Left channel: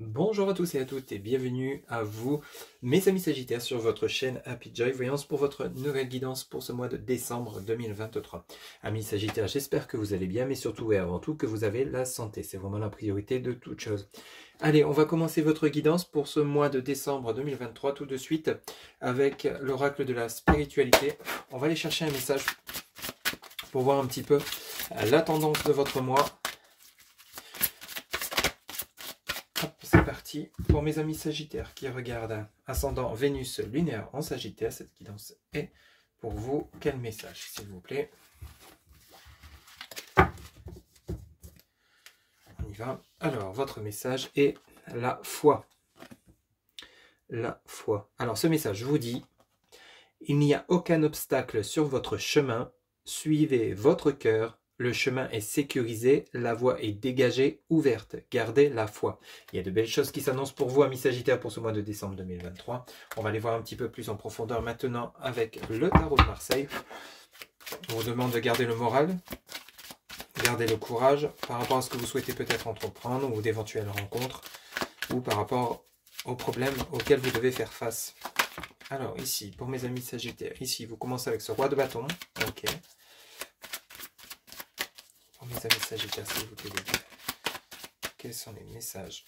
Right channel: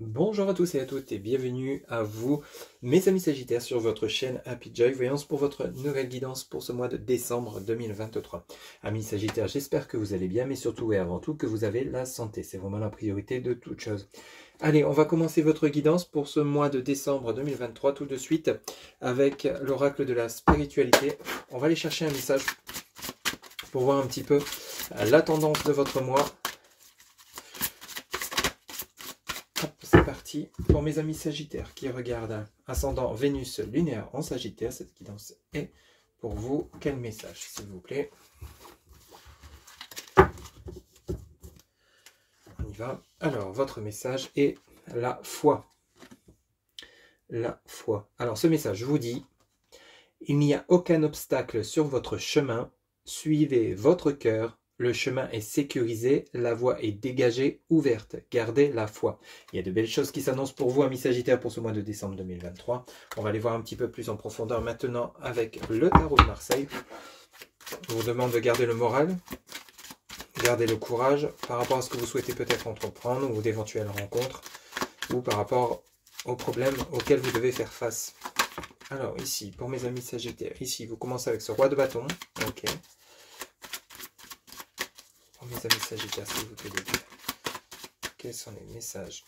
Bonjour à tous et à toutes et bienvenue à vous, mes amis Sagittaires, sur votre chaîne Happy Joy Voyance pour votre nouvelle guidance pour ce mois de décembre 2023. Amis Sagittaires, j'espère que vous allez bien, mais surtout et avant tout que vous avez la santé. C'est vraiment la priorité de toute chose. Allez, on va commencer votre guidance pour ce mois de décembre 2023 tout de suite avec l'oracle de la spiritualité. On va aller chercher un message pour voir un petit peu la tendance de votre mois. C'est parti pour mes amis Sagittaires qui regardent ascendant Vénus lunaire en Sagittaire. Cette guidance est pour vous. Quel message, s'il vous plaît? On y va. Alors, votre message est la foi. La foi. Alors, ce message vous dit: il n'y a aucun obstacle sur votre chemin. Suivez votre cœur. Le chemin est sécurisé, la voie est dégagée, ouverte. Gardez la foi. Il y a de belles choses qui s'annoncent pour vous, amis Sagittaires, pour ce mois de décembre 2023. On va les voir un petit peu plus en profondeur maintenant avec le tarot de Marseille. On vous demande de garder le moral, garder le courage par rapport à ce que vous souhaitez peut-être entreprendre ou d'éventuelles rencontres ou par rapport aux problèmes auxquels vous devez faire face. Alors ici, pour mes amis Sagittaires, ici vous commencez avec ce roi de bâton. Ok. Mes amis Sagittaires, s'il vous plaît, quels sont les messages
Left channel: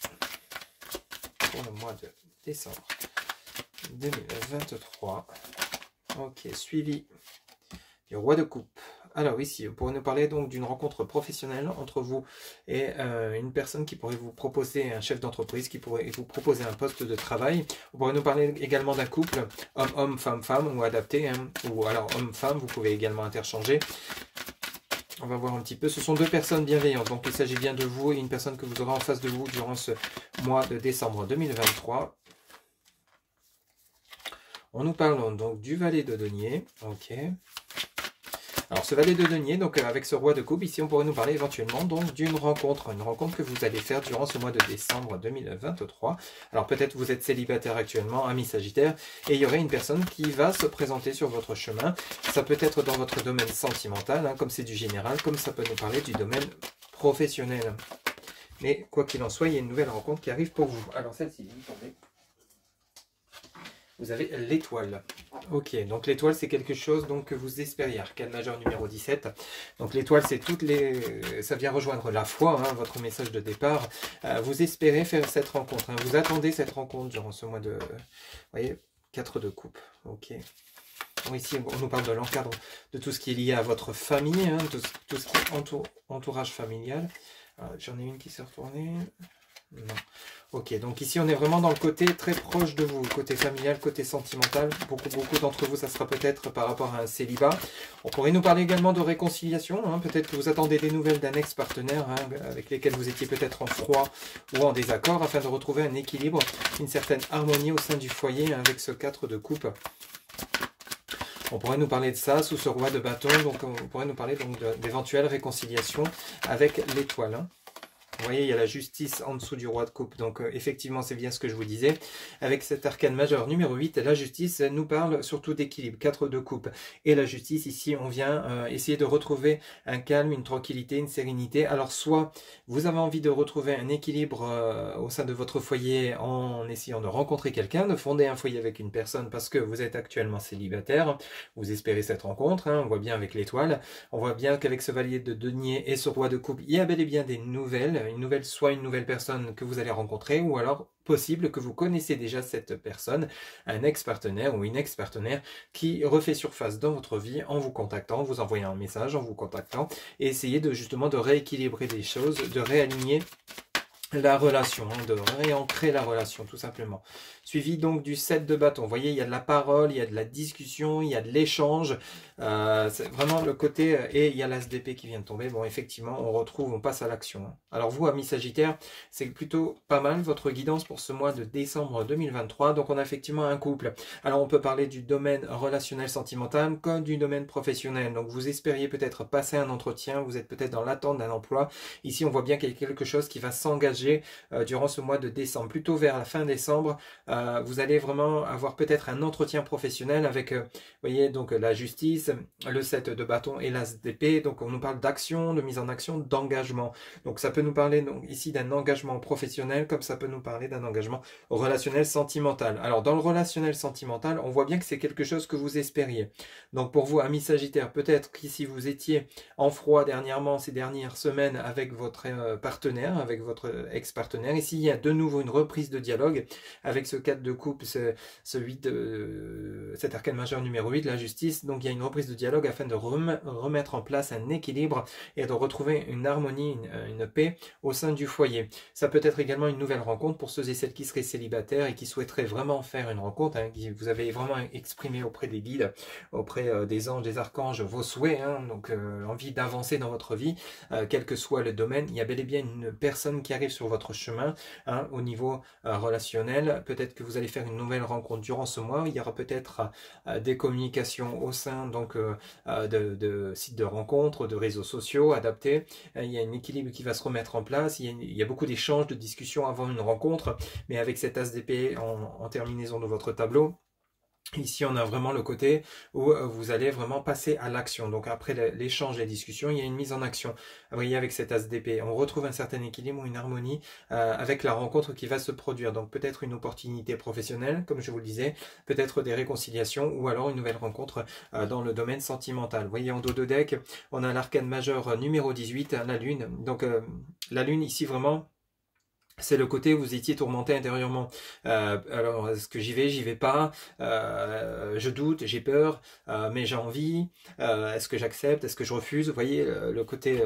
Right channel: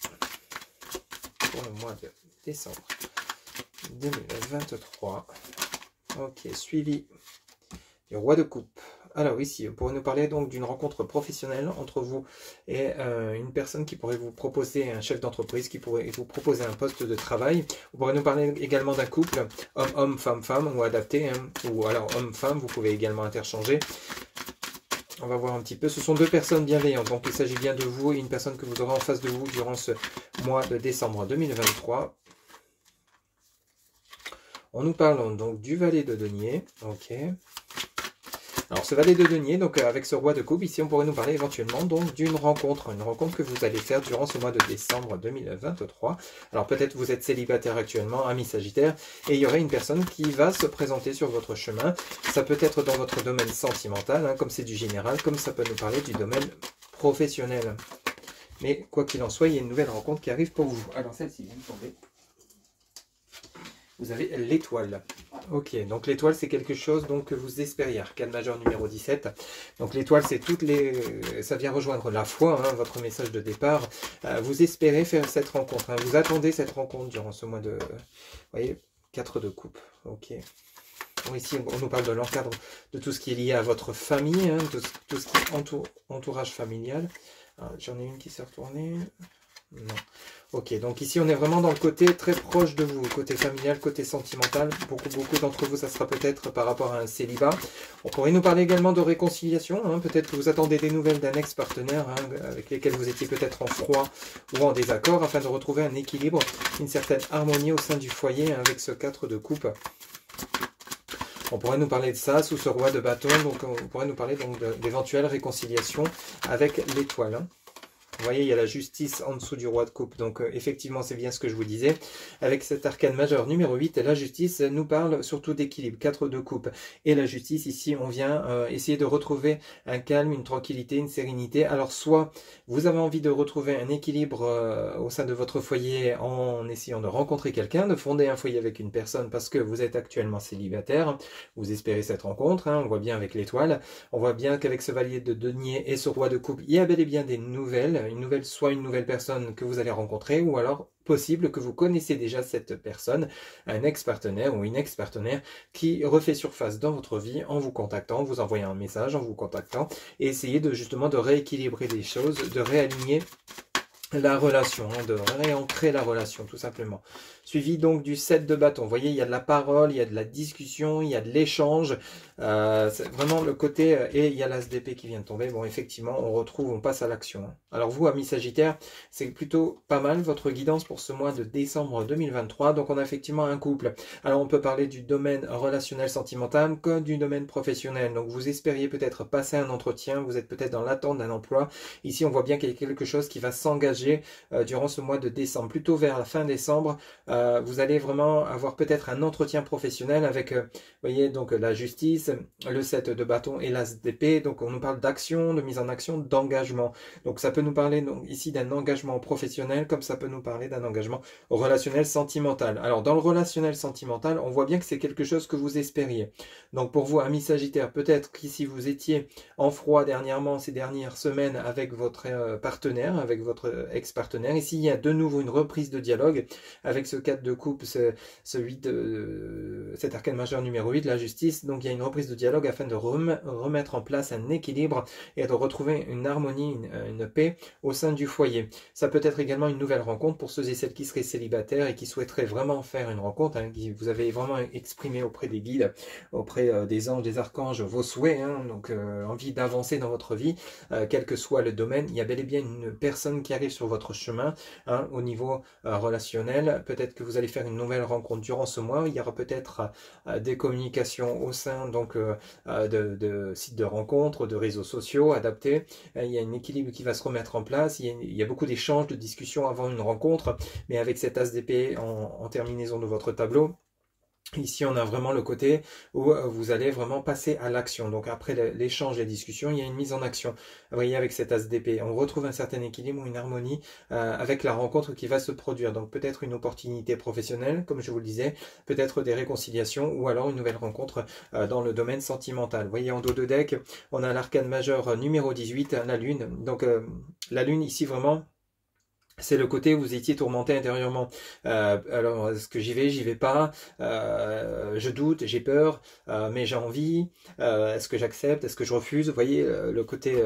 pour le mois de décembre 2023? Ok, suivi du roi de coupe. Alors ici, vous pourrez nous parler donc d'une rencontre professionnelle entre vous et une personne qui pourrait vous proposer, un chef d'entreprise qui pourrait vous proposer un poste de travail. Vous pourrez nous parler également d'un couple, homme-homme, femme-femme, ou adapté, hein, ou alors homme-femme, vous pouvez également interchanger. On va voir un petit peu. Ce sont deux personnes bienveillantes. Donc, il s'agit bien de vous et une personne que vous aurez en face de vous durant ce mois de décembre 2023. On nous parle donc du valet de denier. Ok. Alors, ce valet de denier, donc avec ce roi de coupe, ici, on pourrait nous parler éventuellement donc d'une rencontre. Une rencontre que vous allez faire durant ce mois de décembre 2023. Alors, peut-être vous êtes célibataire actuellement, ami Sagittaire, et il y aurait une personne qui va se présenter sur votre chemin. Ça peut être dans votre domaine sentimental, hein, comme c'est du général, comme ça peut nous parler du domaine professionnel. Mais quoi qu'il en soit, il y a une nouvelle rencontre qui arrive pour vous. Alors, celle-ci, vous tombez. Vous avez l'étoile. Ok, donc l'étoile, c'est quelque chose donc, que vous espériez. Arcane majeur numéro 17. Donc l'étoile, c'est toutes les... Ça vient rejoindre la foi, hein, votre message de départ. Vous espérez faire cette rencontre. Hein, vous attendez cette rencontre durant ce mois de... Vous voyez, 4 de coupe. Ok. Bon, ici, on nous parle de l'encadre, de tout ce qui est lié à votre famille, hein, tout ce qui est entourage familial. J'en ai une qui s'est retournée. Non. Ok, donc ici on est vraiment dans le côté très proche de vous, côté familial, côté sentimental. Beaucoup d'entre vous, ça sera peut-être par rapport à un célibat. On pourrait nous parler également de réconciliation. Hein. Peut-être que vous attendez des nouvelles d'un ex-partenaire hein, avec lesquels vous étiez peut-être en froid ou en désaccord afin de retrouver un équilibre, une certaine harmonie au sein du foyer hein, avec ce 4 de coupe. On pourrait nous parler de ça sous ce roi de bâton. Donc on pourrait nous parler donc d'éventuelles réconciliations avec l'étoile. Hein. Vous voyez, il y a la justice en dessous du roi de coupe. Donc, effectivement, c'est bien ce que je vous disais. Avec cet arcane majeur numéro 8, la justice nous parle surtout d'équilibre. 4 de coupe. Et la justice, ici, on vient essayer de retrouver un calme, une tranquillité, une sérénité. Alors, soit vous avez envie de retrouver un équilibre au sein de votre foyer en essayant de rencontrer quelqu'un, de fonder un foyer avec une personne parce que vous êtes actuellement célibataire. Vous espérez cette rencontre. Hein, on voit bien avec l'étoile. On voit bien qu'avec ce valier de denier et ce roi de coupe, il y a bel et bien des nouvelles. Soit une nouvelle personne que vous allez rencontrer, ou alors possible que vous connaissez déjà cette personne, un ex-partenaire ou une ex-partenaire qui refait surface dans votre vie en vous contactant, en vous envoyant un message, en vous contactant, et essayer de justement de rééquilibrer les choses, de réaligner la relation, hein, de réancrer la relation tout simplement. Suivi donc du 7 de bâton. Vous voyez, il y a de la parole, il y a de la discussion, il y a de l'échange. C'est vraiment le côté... Et il y a l'as d'épée qui vient de tomber. Bon, effectivement, on passe à l'action. Hein. Alors vous, amis Sagittaire, c'est plutôt pas mal votre guidance pour ce mois de décembre 2023. Donc on a effectivement un couple. Alors on peut parler du domaine relationnel sentimental comme du domaine professionnel. Donc vous espériez peut-être passer un entretien, vous êtes peut-être dans l'attente d'un emploi. Ici, on voit bien qu'il y a quelque chose qui va s'engager engager durant ce mois de décembre. Plutôt vers la fin décembre, vous allez vraiment avoir peut-être un entretien professionnel avec, vous voyez, donc la justice, le 7 de bâton et l'as d'épée. Donc on nous parle d'action, de mise en action, d'engagement. Donc ça peut nous parler donc, ici d'un engagement professionnel, comme ça peut nous parler d'un engagement relationnel sentimental. Alors dans le relationnel sentimental, on voit bien que c'est quelque chose que vous espériez. Donc pour vous, amis Sagittaires, peut-être qu'ici vous étiez en froid dernièrement, ces dernières semaines, avec votre partenaire, avec votre ex-partenaire. Ici, il y a de nouveau une reprise de dialogue avec ce 4 de coupe, ce 8 cet arcane majeur numéro 8, la justice. Donc il y a une reprise de dialogue afin de remettre en place un équilibre et de retrouver une harmonie, une paix au sein du foyer. Ça peut être également une nouvelle rencontre pour ceux et celles qui seraient célibataires et qui souhaiteraient vraiment faire une rencontre, hein, qui vous avez vraiment exprimé auprès des guides, auprès des anges, des archanges, vos souhaits, hein, donc envie d'avancer dans votre vie, quel que soit le domaine. Il y a bel et bien une personne qui arrive sur votre chemin, hein, au niveau relationnel. Peut-être que vous allez faire une nouvelle rencontre durant ce mois. Il y aura peut-être des communications au sein donc de sites de rencontres, de réseaux sociaux adaptés. Il y a un équilibre qui va se remettre en place. Il y a beaucoup d'échanges, de discussions avant une rencontre, mais avec cet as d'épée en terminaison de votre tableau. Ici, on a vraiment le côté où vous allez vraiment passer à l'action. Donc, après l'échange et la discussion, il y a une mise en action. Vous voyez, avec cet as d'épée, on retrouve un certain équilibre ou une harmonie avec la rencontre qui va se produire. Donc, peut-être une opportunité professionnelle, comme je vous le disais, peut-être des réconciliations ou alors une nouvelle rencontre dans le domaine sentimental. Vous voyez, en dos de deck, on a l'arcane majeur numéro 18, la lune. Donc, la lune, ici, vraiment... c'est le côté où vous étiez tourmenté intérieurement. Alors, est-ce que j'y vais pas, je doute, j'ai peur, mais j'ai envie, est-ce que j'accepte, est-ce que je refuse? Vous voyez, le côté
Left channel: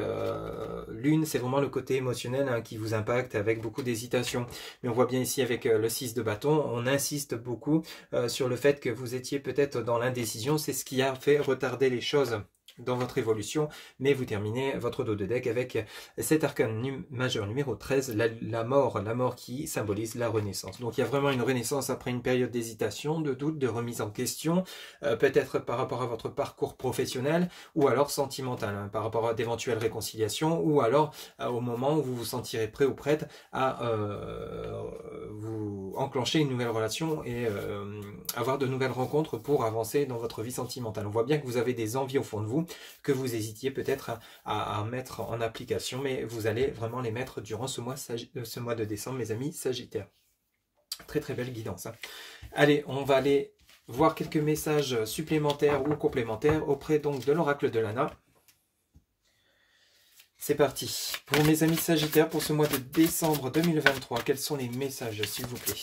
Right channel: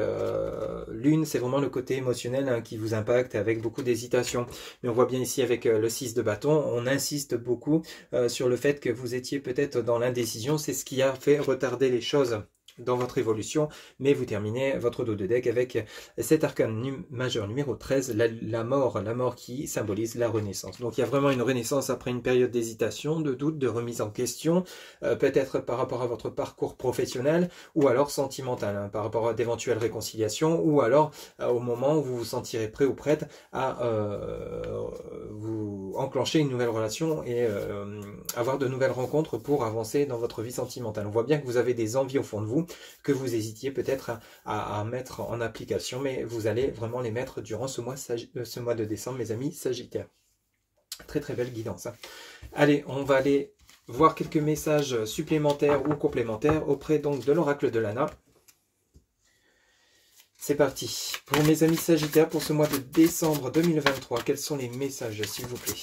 lune, c'est vraiment le côté émotionnel, hein, qui vous impacte avec beaucoup d'hésitation. Mais on voit bien ici avec le 6 de bâton, on insiste beaucoup sur le fait que vous étiez peut-être dans l'indécision. C'est ce qui a fait retarder les choses dans votre évolution, mais vous terminez votre dos de deck avec cet arcane majeur numéro 13, la mort qui symbolise la renaissance. Donc il y a vraiment une renaissance après une période d'hésitation, de doute, de remise en question, peut-être par rapport à votre parcours professionnel ou alors sentimental, hein, par rapport à d'éventuelles réconciliations ou alors au moment où vous vous sentirez prêt ou prête à vous enclencher une nouvelle relation et avoir de nouvelles rencontres pour avancer dans votre vie sentimentale. On voit bien que vous avez des envies au fond de vous, que vous hésitiez peut-être à mettre en application, mais vous allez vraiment les mettre durant ce mois de décembre, mes amis Sagittaires. Très très belle guidance, hein. Allez, on va aller voir quelques messages supplémentaires ou complémentaires auprès donc de l'oracle de Lana. C'est parti. Pour mes amis Sagittaires, pour ce mois de décembre 2023, quels sont les messages, s'il vous plaît?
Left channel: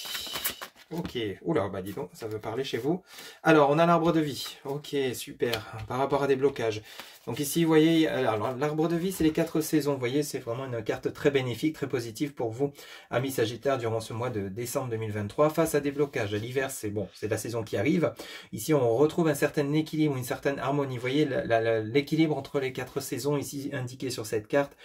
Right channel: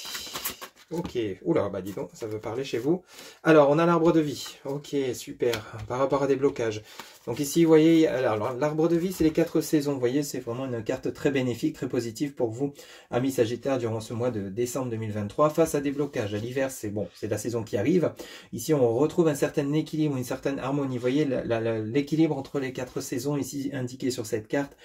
Ok, oula, bah dis donc, ça veut parler chez vous. Alors, on a l'arbre de vie. Ok, super, par rapport à des blocages. Donc ici, vous voyez, alors l'arbre de vie, c'est les 4 saisons. Vous voyez, c'est vraiment une carte très bénéfique, très positive pour vous, amis Sagittaires, durant ce mois de décembre 2023. Face à des blocages, à l'hiver, c'est bon, c'est la saison qui arrive. Ici, on retrouve un certain équilibre, une certaine harmonie. Vous voyez, l'équilibre entre les 4 saisons, ici indiqué sur cette carte,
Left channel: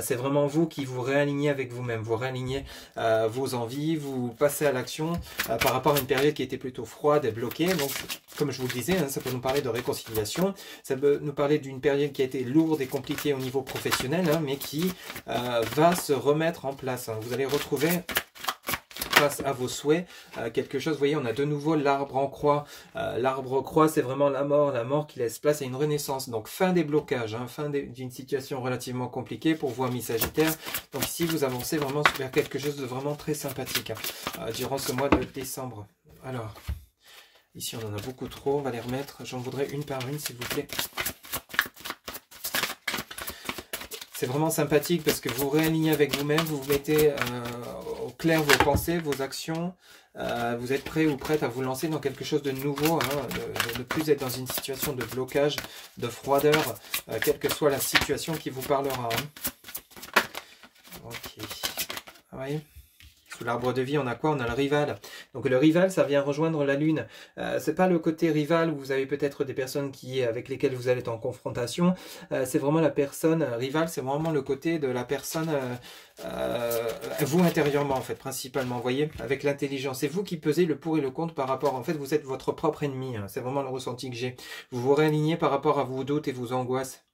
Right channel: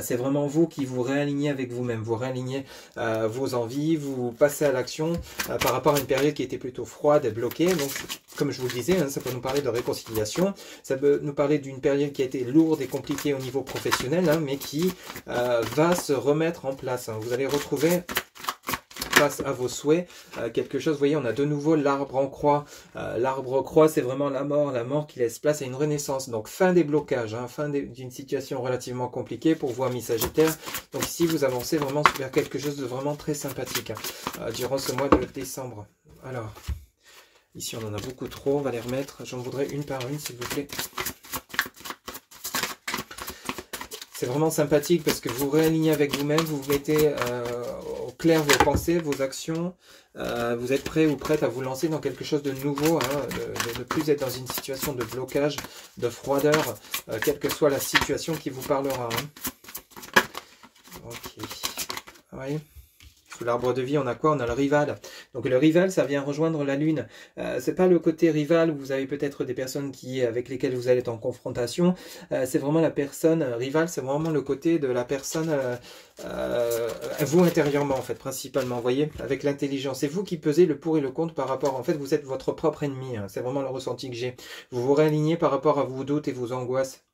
c'est vraiment vous qui vous réalignez avec vous-même. Vous réalignez vos envies, vous passez à l'action par rapport à une période qui était plutôt froide, bloquée. Donc, comme je vous le disais, hein, ça peut nous parler de réconciliation, ça peut nous parler d'une période qui a été lourde et compliquée au niveau professionnel, hein, mais qui va se remettre en place, hein. Vous allez retrouver face à vos souhaits quelque chose. Vous voyez, on a de nouveau l'arbre en croix. L'arbre croix, c'est vraiment la mort qui laisse place à une renaissance. Donc fin des blocages, hein, fin d'une situation relativement compliquée pour vous, amis Sagittaires. Donc ici, vous avancez vraiment vers quelque chose de vraiment très sympathique, hein, durant ce mois de décembre. Alors, ici on en a beaucoup trop, on va les remettre. J'en voudrais une par une, s'il vous plaît. C'est vraiment sympathique parce que vous réalignez avec vous-même, vous vous mettez au clair vos pensées, vos actions. Vous êtes prêt ou prête à vous lancer dans quelque chose de nouveau, hein, de ne plus être dans une situation de blocage, de froideur, quelle que soit la situation qui vous parlera. Hein. Ok. Vous voyez ? Sous l'arbre de vie, on a quoi? On a le rival. Donc le rival, ça vient rejoindre la lune. C'est pas le côté rival où vous avez peut-être des personnes avec lesquelles vous allez être en confrontation. C'est vraiment la personne rival, c'est vraiment le côté de la personne, vous intérieurement en fait, principalement. Vous voyez, avec l'intelligence. C'est vous qui pesez le pour et le contre par rapport, en fait, vous êtes votre propre ennemi. Hein. C'est vraiment le ressenti que j'ai. Vous vous réalignez par rapport à vos doutes et vos angoisses.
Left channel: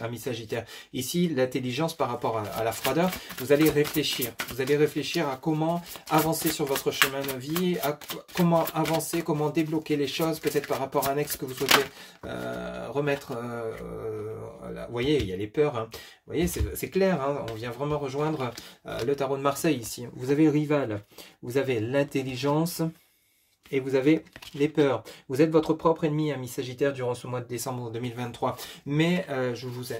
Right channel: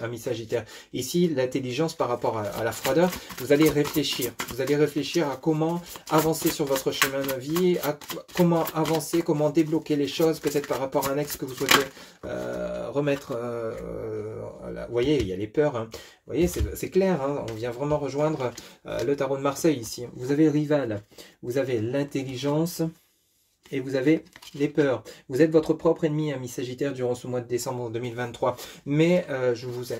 Ami Sagittaire. Ici, l'intelligence par rapport à la froideur, vous allez réfléchir. Vous allez réfléchir à comment avancer sur votre chemin de vie, à comment avancer, comment débloquer les choses, peut-être par rapport à un ex que vous souhaitez remettre. Vous voyez, il y a les peurs. Hein. Vous voyez, c'est clair. Hein, on vient vraiment rejoindre le tarot de Marseille ici. Vous avez le rival, vous avez l'intelligence. Et vous avez les peurs. Vous êtes votre propre ennemi, ami Sagittaire, durant ce mois de décembre 2023. Mais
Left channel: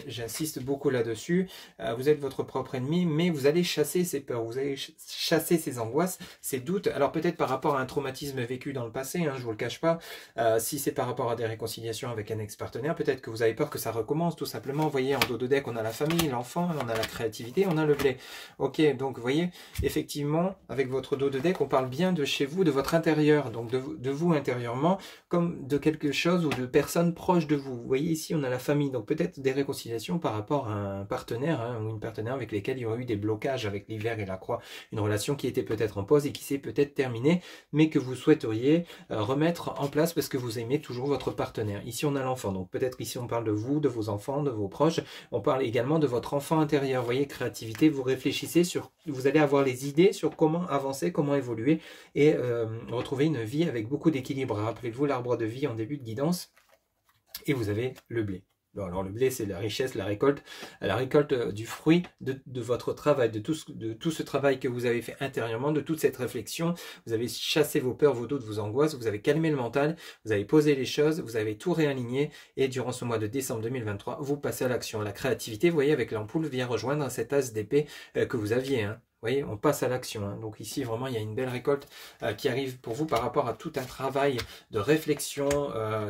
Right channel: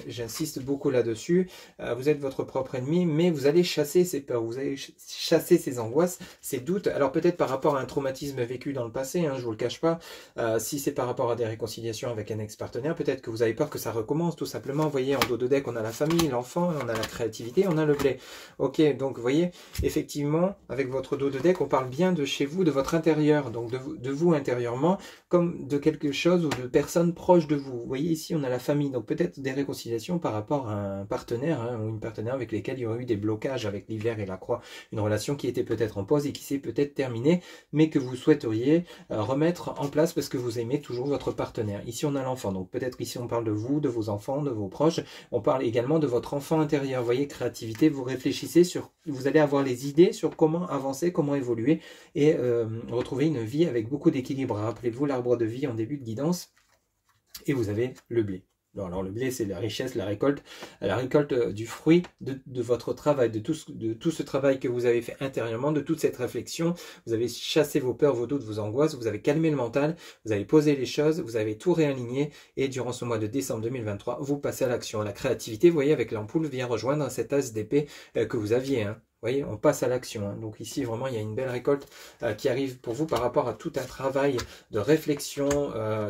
j'insiste beaucoup là-dessus. Vous êtes votre propre ennemi, mais vous allez chasser ces peurs. Vous allez chasser ces angoisses, ces doutes. Alors peut-être par rapport à un traumatisme vécu dans le passé, hein, je ne vous le cache pas. Si c'est par rapport à des réconciliations avec un ex-partenaire, peut-être que vous avez peur que ça recommence, tout simplement. Vous voyez, en dos de deck, on a la famille, l'enfant, on a la créativité, on a le blé. Ok, donc vous voyez, effectivement, avec votre dos de deck, on parle bien de chez vous, de votre intérieur. Donc de vous intérieurement, comme de quelque chose ou de personnes proches de vous. Vous voyez ici, on a la famille, donc peut-être des réconciliations par rapport à un partenaire hein, ou une partenaire avec lesquels il y aurait eu des blocages avec l'hiver et la croix. Une relation qui était peut-être en pause et qui s'est peut-être terminée, mais que vous souhaiteriez remettre en place parce que vous aimez toujours votre partenaire. Ici, on a l'enfant, donc peut-être ici, on parle de vous, de vos enfants, de vos proches. On parle également de votre enfant intérieur. Vous voyez, créativité, vous réfléchissez sur, vous allez avoir les idées sur comment avancer, comment évoluer et retrouver une vie avec beaucoup d'équilibre. Rappelez-vous l'arbre de vie en début de guidance et vous avez le blé. Bon, alors le blé, c'est la richesse, la récolte du fruit de votre travail, de tout ce travail que vous avez fait intérieurement, de toute cette réflexion. Vous avez chassé vos peurs, vos doutes, vos angoisses, vous avez calmé le mental, vous avez posé les choses, vous avez tout réaligné et durant ce mois de décembre 2023, vous passez à l'action. La créativité, vous voyez, avec l'ampoule, vient rejoindre cet as d'épée que vous aviez. Hein. Vous voyez, on passe à l'action. Hein. Donc ici, vraiment, il y a une belle récolte qui arrive pour vous par rapport à tout un travail de réflexion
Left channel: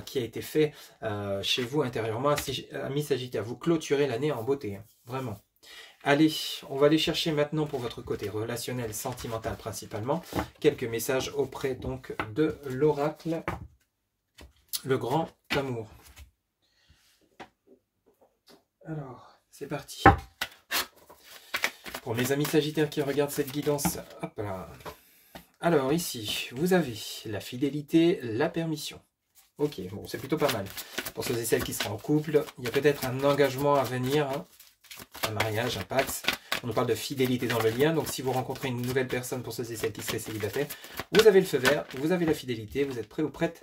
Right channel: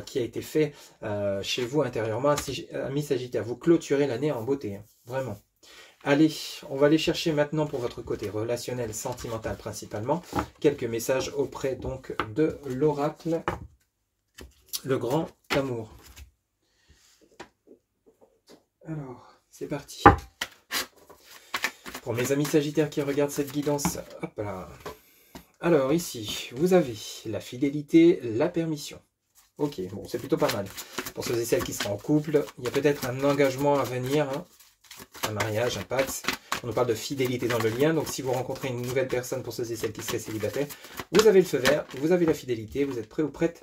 qui a été fait chez vous intérieurement. Amis Sagittaire, vous clôturez l'année en beauté. Hein. Vraiment. Allez, on va aller chercher maintenant pour votre côté relationnel, sentimental principalement, quelques messages auprès donc de l'oracle, le grand amour. Alors, c'est parti. Pour mes amis Sagittaires qui regardent cette guidance, hop là. Alors ici, vous avez la fidélité, la permission. Ok, bon, c'est plutôt pas mal. Pour ceux et celles qui seront en couple, il y a peut-être un engagement à venir, hein, un mariage, un pax. On nous parle de fidélité dans le lien, donc si vous rencontrez une nouvelle personne pour ceux et celles qui seraient célibataires, vous avez le feu vert, vous avez la fidélité, vous êtes prêt ou prête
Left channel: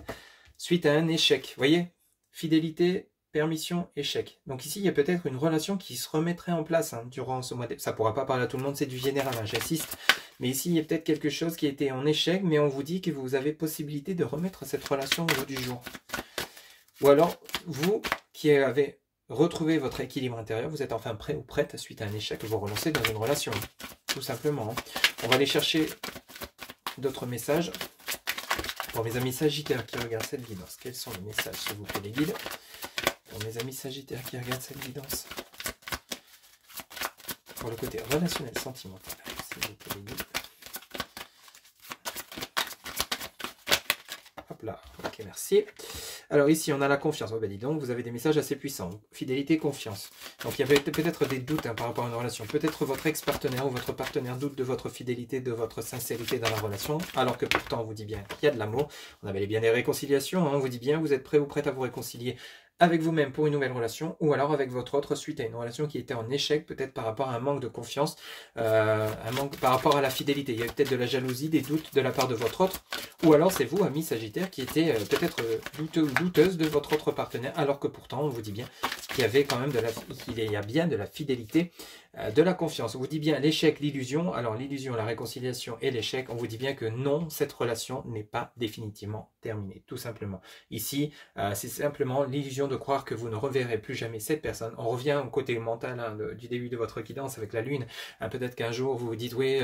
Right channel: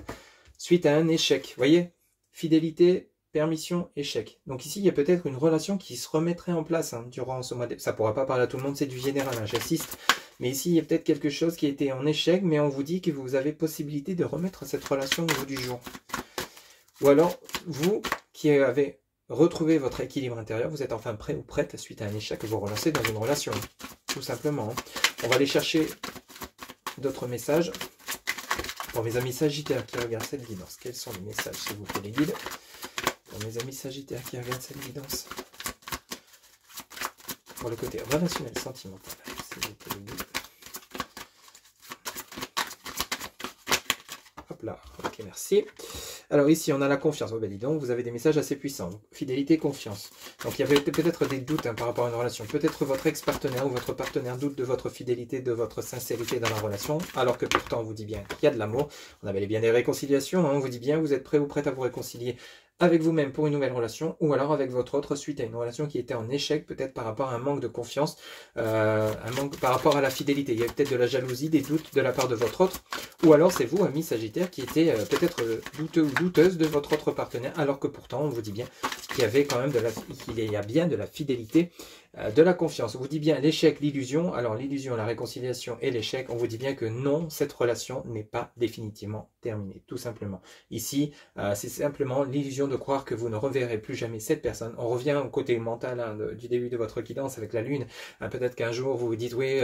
suite à un échec. Vous voyez, fidélité, permission, échec. Donc ici, il y a peut-être une relation qui se remettrait en place hein, durant ce mois. Ça ne pourra pas parler à tout le monde, c'est du général, hein, j'insiste. Mais ici, il y a peut-être quelque chose qui a été en échec, mais on vous dit que vous avez possibilité de remettre cette relation au bout du jour. Ou alors, vous qui avez retrouvé votre équilibre intérieur, vous êtes enfin prêt ou prête suite à un échec et vous relancez dans une relation. Tout simplement. Hein. On va aller chercher d'autres messages. Pour mes amis Sagittaires qui regardent cette guidance, quels sont les messages, s'il vous plaît, les guides? Pour mes amis Sagittaires qui regardent cette guidance, pour le côté relationnel, sentimental, s'il vous plaît, les guides. Hop là, ok, merci. Alors ici, on a la confiance. Oh, ben dis donc, vous avez des messages assez puissants. Fidélité, confiance. Donc il y avait peut-être des doutes hein, par rapport à une relation. Peut-être votre ex-partenaire ou votre partenaire doute de votre fidélité, de votre sincérité dans la relation, alors que pourtant on vous dit bien qu'il y a de l'amour. On avait bien des réconciliations. Hein, on vous dit bien, vous êtes prêt ou prête à vous réconcilier avec vous-même pour une nouvelle relation, ou alors avec votre autre suite à une relation qui était en échec, peut-être par rapport à un manque de confiance, un manque par rapport à la fidélité. Il y a peut-être de la jalousie, des doutes de la part de votre autre, ou alors c'est vous, ami Sagittaire, qui était peut-être douteux ou douteuse de votre autre partenaire, alors que pourtant, on vous dit bien qu'il y avait quand même qu'il y a bien de la fidélité, de la confiance. On vous dit bien l'échec, l'illusion. Alors l'illusion, la réconciliation et l'échec, on vous dit bien que non, cette relation n'est pas définitivement terminée, tout simplement. Ici, c'est simplement l'illusion de croire que vous ne reverrez plus jamais cette personne. On revient au côté mental hein, du début de votre guidance avec la lune. Peut-être qu'un jour, vous vous dites, oui,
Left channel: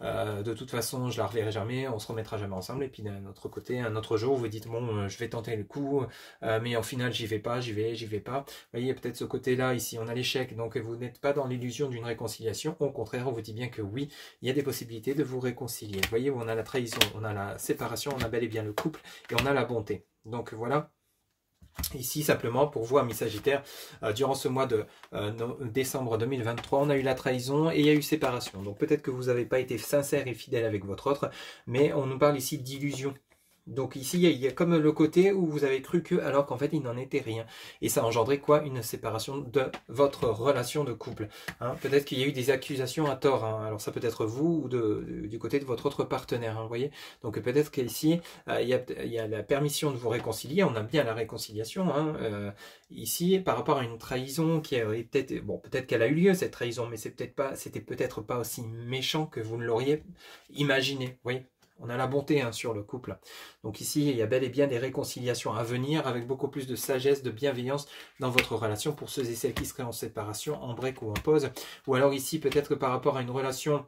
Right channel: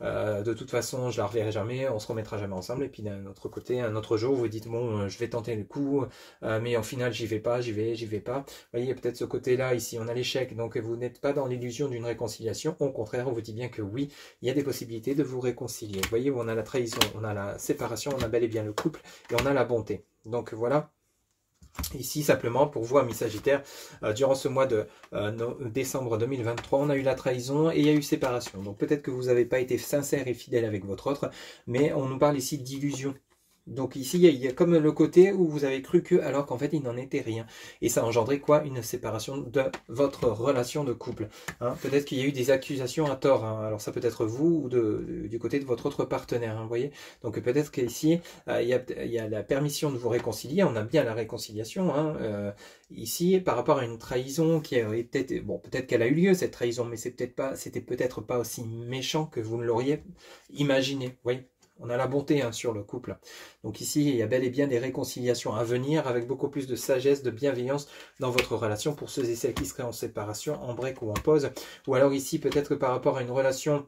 de toute façon, je la reverrai jamais, on se remettra jamais ensemble. Et puis d'un autre côté, un autre jour, vous vous dites, bon, je vais tenter le coup, mais en final, j'y vais pas, j'y vais pas. Vous voyez, peut-être ce côté-là, ici, on a l'échec. Donc, vous n'êtes pas dans l'illusion d'une réconciliation. Au contraire, on vous dit bien que oui, il y a des possibilités de vous réconcilier. Vous voyez, on a la trahison, on a la séparation, on a bel et bien le couple et on a la bonté. Donc voilà. Ici, simplement, pour vous, amis Sagittaires, durant ce mois de décembre 2023, on a eu la trahison et il y a eu séparation. Donc peut-être que vous n'avez pas été sincère et fidèle avec votre autre, mais on nous parle ici d'illusion. Donc ici, il y a comme le côté où vous avez cru que, alors qu'en fait, il n'en était rien. Et ça a engendré quoi? Une séparation de votre relation de couple. Hein, peut-être qu'il y a eu des accusations à tort. Hein. Alors ça peut être vous ou du côté de votre autre partenaire. Hein, vous voyez? Donc peut-être qu'ici, il y a la permission de vous réconcilier. On a bien la réconciliation. Hein, ici, par rapport à une trahison qui a peut-être... Bon, peut-être qu'elle a eu lieu, cette trahison, mais c'était peut-être pas aussi méchant que vous ne l'auriez imaginé. Vous voyez? On a la bonté hein, sur le couple. Donc ici, il y a bel et bien des réconciliations à venir avec beaucoup plus de sagesse, de bienveillance dans votre relation pour ceux et celles qui seraient en séparation, en break ou en pause. Ou alors ici, peut-être que par rapport à une relation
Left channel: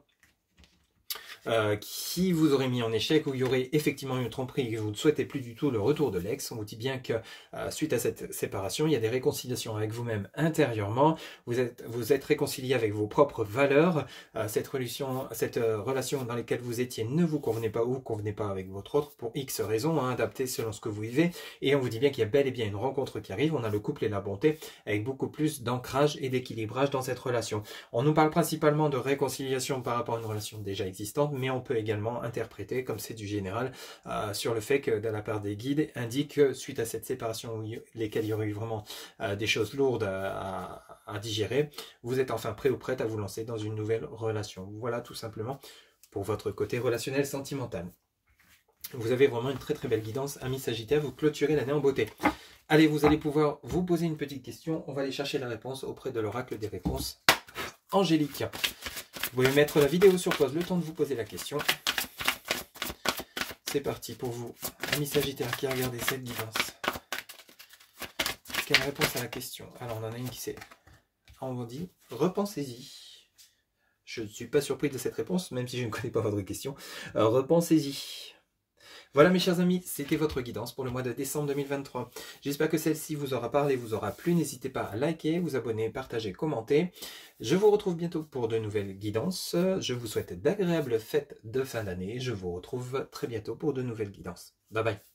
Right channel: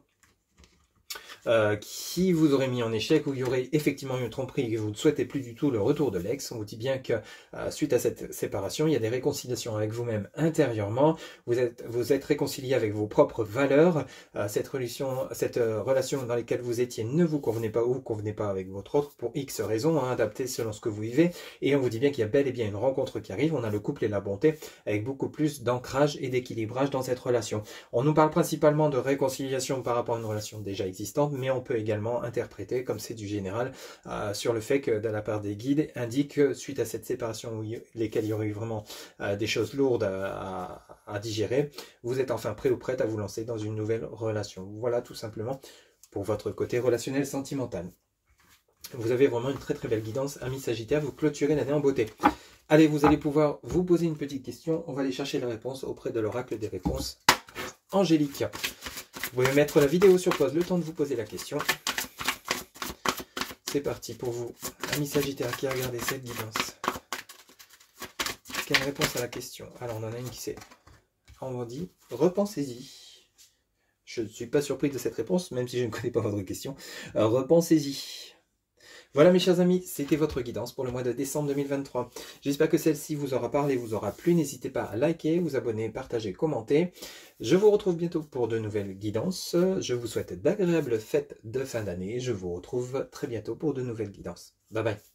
qui vous aurait mis en échec, où il y aurait effectivement une tromperie et que vous ne souhaitez plus du tout le retour de l'ex, on vous dit bien que suite à cette séparation, il y a des réconciliations avec vous-même intérieurement, vous êtes réconcilié avec vos propres valeurs, cette relation dans laquelle vous étiez ne vous convenait pas ou vous convenez pas avec votre autre pour X raisons, hein, adaptées selon ce que vous vivez, et on vous dit bien qu'il y a bel et bien une rencontre qui arrive, on a le couple et la bonté avec beaucoup plus d'ancrage et d'équilibrage dans cette relation. On nous parle principalement de réconciliation par rapport à une relation déjà existante, mais on peut également interpréter, comme c'est du général, sur le fait que de la part des guides indique que suite à cette séparation lesquelles il y aurait eu vraiment des choses lourdes à digérer, vous êtes enfin prêt ou prête à vous lancer dans une nouvelle relation. Voilà tout simplement pour votre côté relationnel sentimental. Vous avez vraiment une très très belle guidance, amis Sagittaire, vous clôturez l'année en beauté. Allez, vous allez pouvoir vous poser une petite question, on va aller chercher la réponse auprès de l'oracle des réponses angéliques. Vous pouvez mettre la vidéo sur pause, le temps de vous poser la question. C'est parti pour vous, amis Sagittaire qui a regardé cette guidance. Quelle réponse à la question? Alors on en a une qui c'est, on vous dit, repensez-y. Je ne suis pas surpris de cette réponse, même si je ne connais pas votre question. Repensez-y. Voilà mes chers amis, c'était votre guidance pour le mois de décembre 2023. J'espère que celle-ci vous aura parlé, vous aura plu. N'hésitez pas à liker, vous abonner, partager, commenter. Je vous retrouve bientôt pour de nouvelles guidances. Je vous souhaite d'agréables fêtes de fin d'année. Je vous retrouve très bientôt pour de nouvelles guidances. Bye bye.